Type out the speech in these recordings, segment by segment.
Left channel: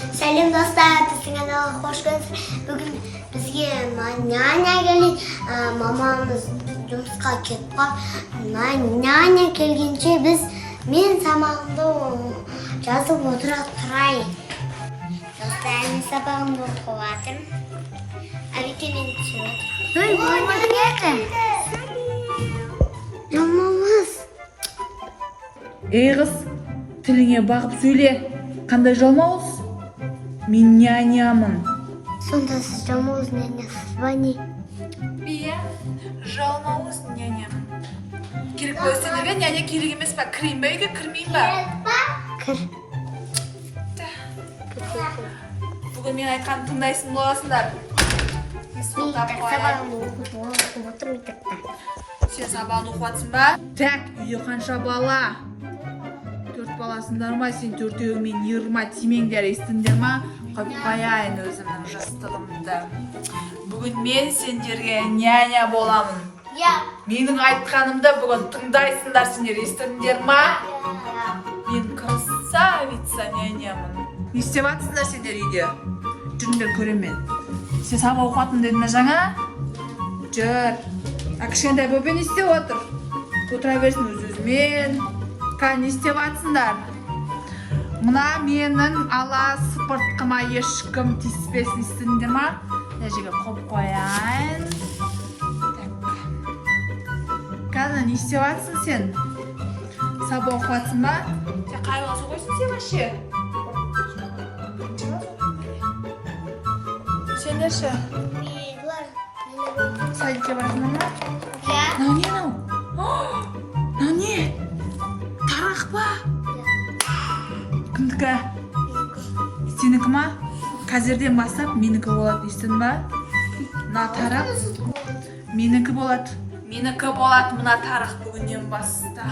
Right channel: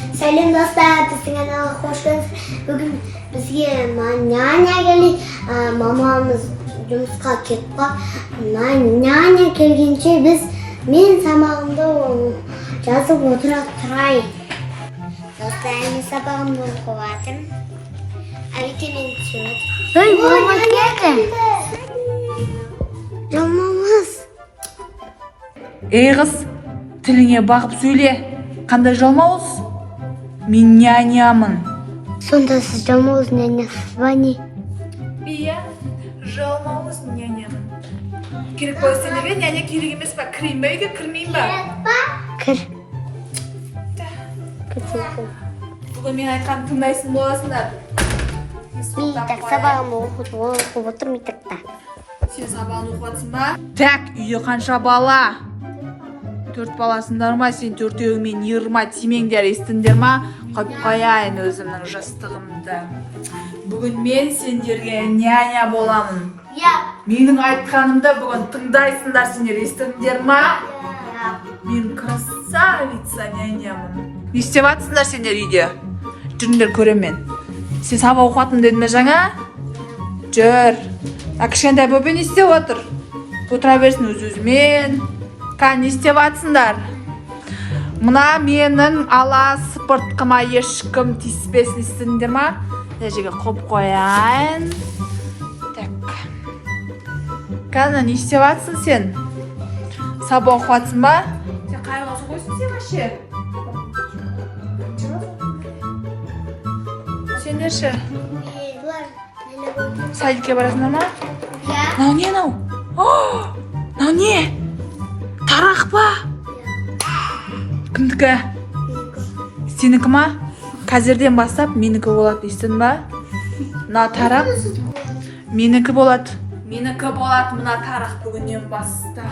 Selam dostlar, sizin kanalıma hoş geldiniz. Bugün bizge nyanya geldi. Mamamız жұмысқа кетіп қалып, nyanya келгенше мен сабағымды жазып отыра тұрайын. Достар, мен сабағымды оқып жатырмын. Әбеке мені түсіріп. Ой, мамамыз келді. Жалмамыз. Ей қыз, тіліңе бағып сөйле. Қандай жалмауыз? Мен нянямын. Сонда сіз жалмауыз нянясыз ба не? Иә, жалмауыз нянямын. Керек болсаңыз бе, няня керек емес па? Кірейін ба үйге, кірмейін ба? Кір. Бүгін мен айтқан тыңдайсың боласыңдар. Так, сабағымды оқып отырмын тақта. Сен сабағын оқып жатсың ба? Так, үйде қанша бала? 4 баласыңдар ма? Сен төртеуіңмен 20 тимеңдер, естіңдер ма? Қойып қояйын өзімнің жастығымды. Бүгін мен сендерге няня боламын. Менің айтқанымды бүгін тыңдайсыңдар сендер, естіңдер ма? Мен красавица нянямын. Не істеп жатсыңдар сендер үйде? Жүріңдер көремін мен. Сен сабақ оқытым дедің бе жаңа? Жүр. Кішкентай бөпе не істеп отыр? Отыра берсін өз-өзімен. Не істеп жатсыңдар? Мына менің ала сыпыртқыма ешкім тиіспесін, естіңдер ма? Мына жерге қойып қояйын. Так. Қазір не істеп жатсың сен? Сабақ оқып жатсың ба? Сен қайғыласың қойсын сен ше? Сендерші? Садикке барасыңдар ма? Мынау не мынау? Мынау не? Тарақ па? Кімдікі? Сенікі ма? Қазірден бастап менікі болады, естің ба? Мына тарақ менікі болады. Менікі болады мына тарақ бүгіннен бастап.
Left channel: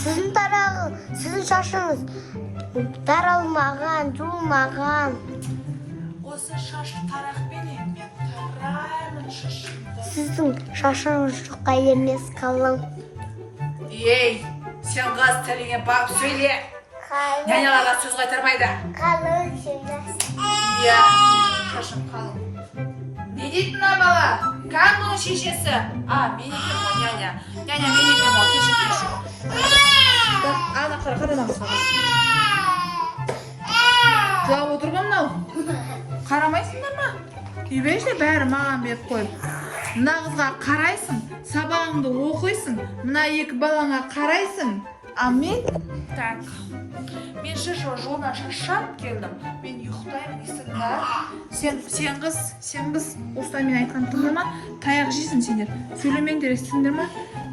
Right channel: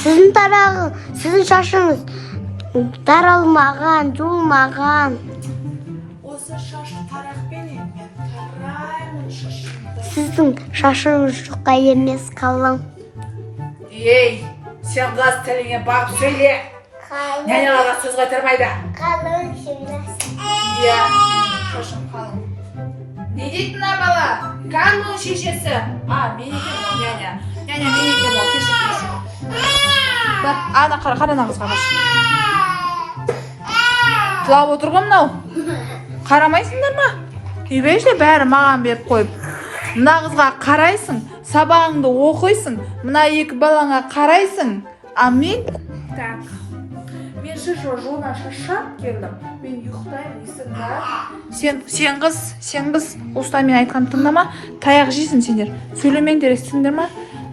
Сіздің тарағы, сіздің шашыңыз таралмаған, жуылмаған. Осы шашы тарақпен мен тараймын шашымды. Сіздің шашыңыз жұқа емес, қалың. Ей, сен қыз тіліңе бағып сөйле. Няняларға сөз қайтармайды. Қалың şimdi. Иә, шашым қалың. Не дейді мына бала? Кімнің шешесі? Мен екенмін ол, няня. Няня, мен екенмін ол, кешір. Ана қара қызға қаш. Жылап отыр ғой мынау. Қарамайсыңдар ма? Үйбейші бәрі маған беріп қойып. Мына қызға қарайсың, сабағыңды оқисың, мына екі балаңа қарайсың. Мен? Так. Мен жуына шашап келдім. Мен ұйықтаймын, естің ба? Сен қыз, осылай мен айтқан тыңдама, таяқ жейсің сендер. Сөйлемеңдер, естіңдер ма?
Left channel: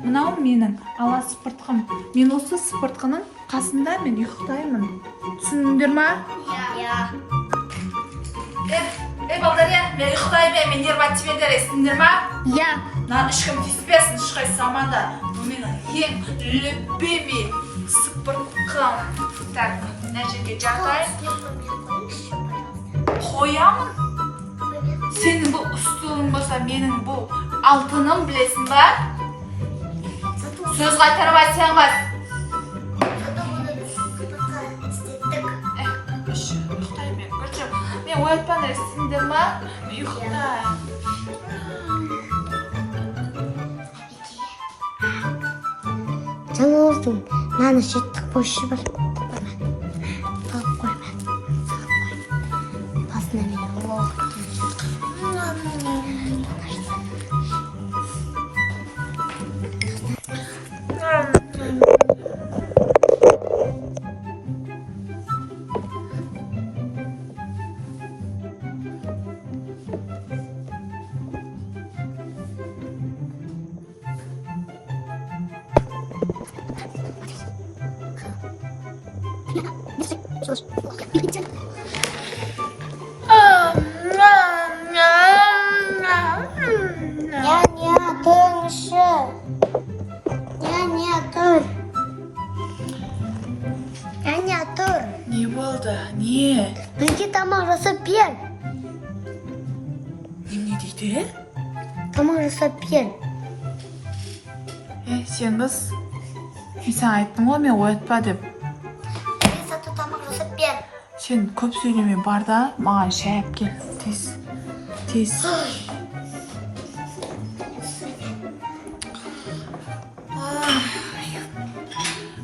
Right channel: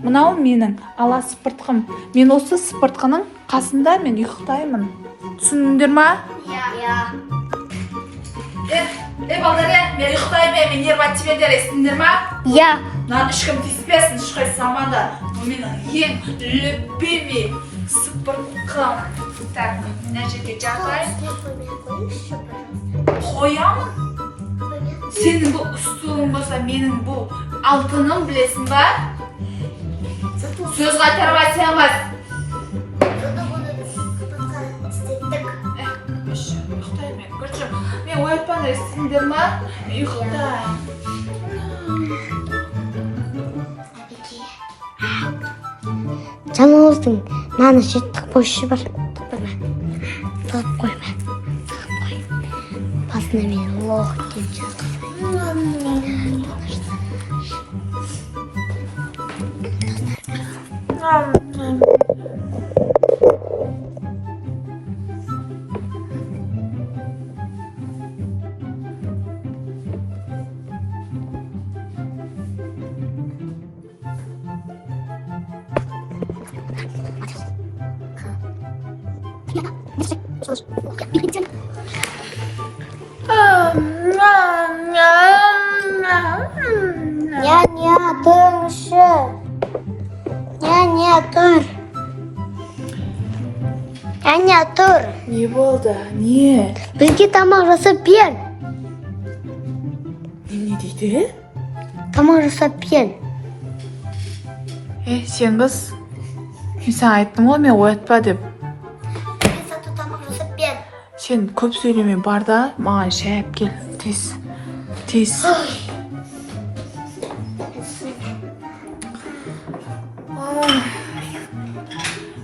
Мынау менің ала сыпыртқым. Мен осы сыпыртқының қасында мен ұйықтаймын. Түсіндіңдер ма? Иә. Балдария, мен ұйықтаймын, мен нервативендер, естіңдер ма? Иә. Мынаны ешкім тиіспесін, ешқайсысы аманда. Бұл менің ең любимый сыпыртқым. Так, мына жерге жатайын. Қоямын. Сенің бұл ұстылың болса, менің бұл алтыным, білесің ба? Сөз қайтармай сенмez. Ұйықтаймын мен, көршім. Мен оятпаңдар, естіңдер ма? Ұйықтаймын. Жаныңыздың наны жеттік бойшы бар. Салып қойма. Басына мен лох келді. Няня, тұрыңызшы. Няня, тұр. Няня, тұр. Не болды? Не? Бізге тамақ жасап бер. Не дейді? Тамақ жасап бер. Сен қыз, мен саған айттым ғой, мен оятпа деп. Мен сату тамақ Sen көп söyleme бар да, маған шай алып кел. Тез. Тез.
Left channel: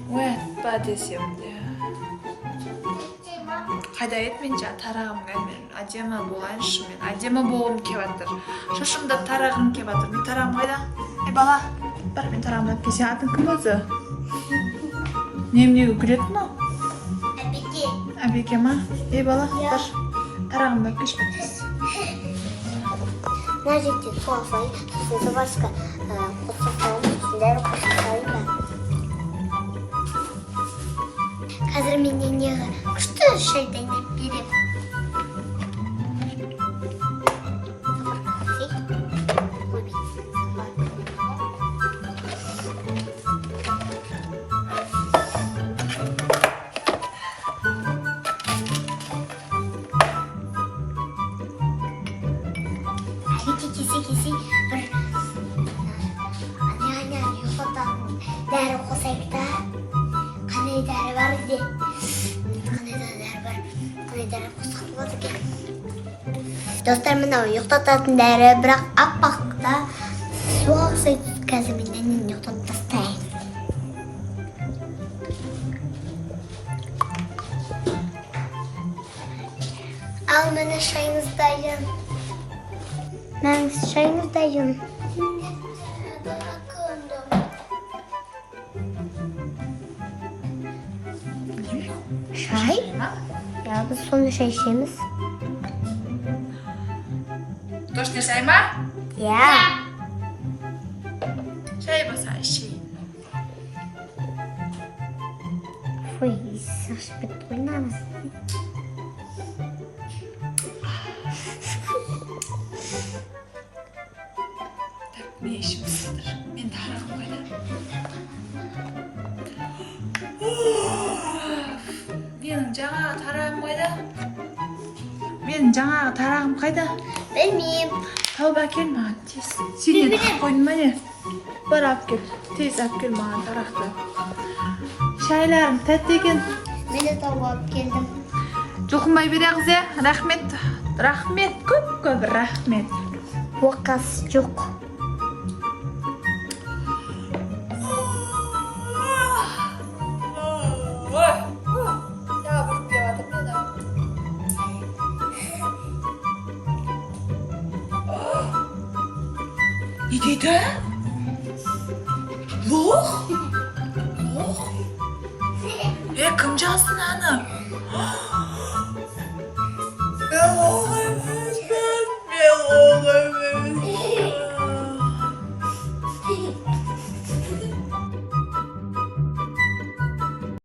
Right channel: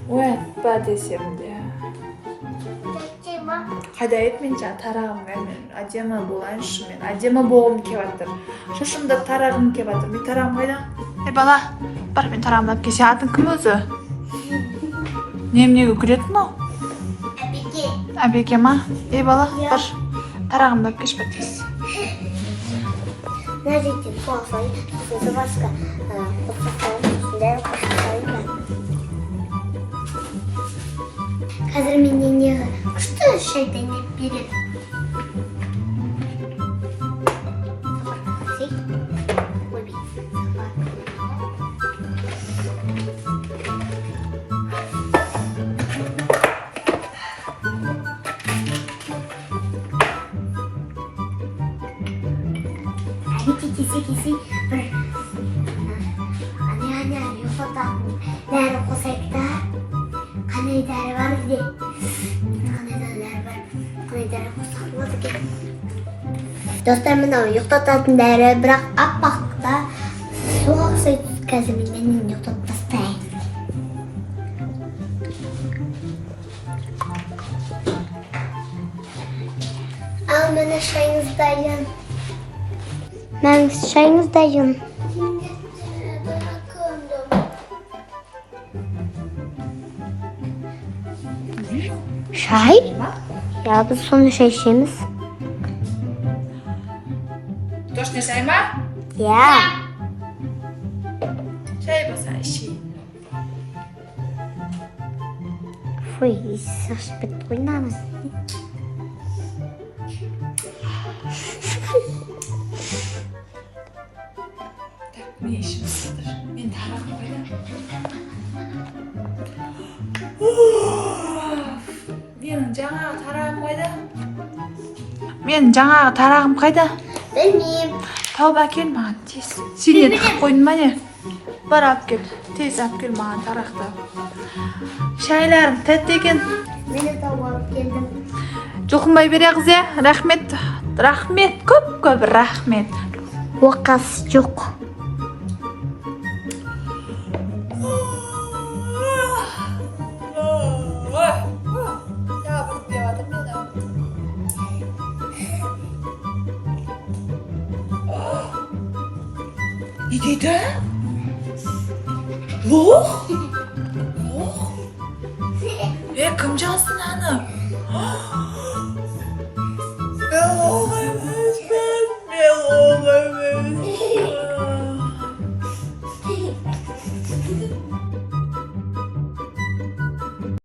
Уатпа десем де. Қайда ет мен жаңа тарағымға мен әдемі болайыншы, мен әдемі болғым келіп жатыр. Шашымда тарағым келіп жатыр. Мен тарағым қайда? Бала, бар мен тарағымды алып кел. Сен атың кім өзі? Неменеге күлетін мынау? Әбеке. Әбеке ма? Бала, бар. Тарағымды алып келші тез. Мына жерде су алсайын, сосын забарышқа қосып салайын, дәрі қосып салайын ба. Қазір менен неге күшті шай дайындап береді. Кесе бір ане ұйықтататын дәрі қосайық та. Қандай дәрі бар де? Қандай дәрі бар? Қандай дәрі қосақ болады екен? Достар, мынау ұйықтататын дәрі, бірақ аппақ та суға ұқсайды. Қазір мен әнен ұйықтатып тастайын. Ал міне шайыңыз дайын. Мен шайыңыз дайын. Шай? Ya biz sonra şay içemiz. Точно шай ма? Ya. Шай баса ішейін. Фуй, сыршып кетті ғой намыз. Мен ішім сыздыр. Мен тарағым қайда? Менің жаңағы тарағым қайда? Менің жаңағы тарағым қайда? Білмеймін. Тауып әкел маған тез. Сен не тығып қойдың ба не? Бар алып кел. Тез алып кел маған тарақты. Шайларың тәтті екен. Мен де тауып алып келдім. Жұлқынбай бере қызы. Рахмет. Рахмет. Көп рахмет. Уақас жоқ. Не дейді? Лох? Кім жазды наны?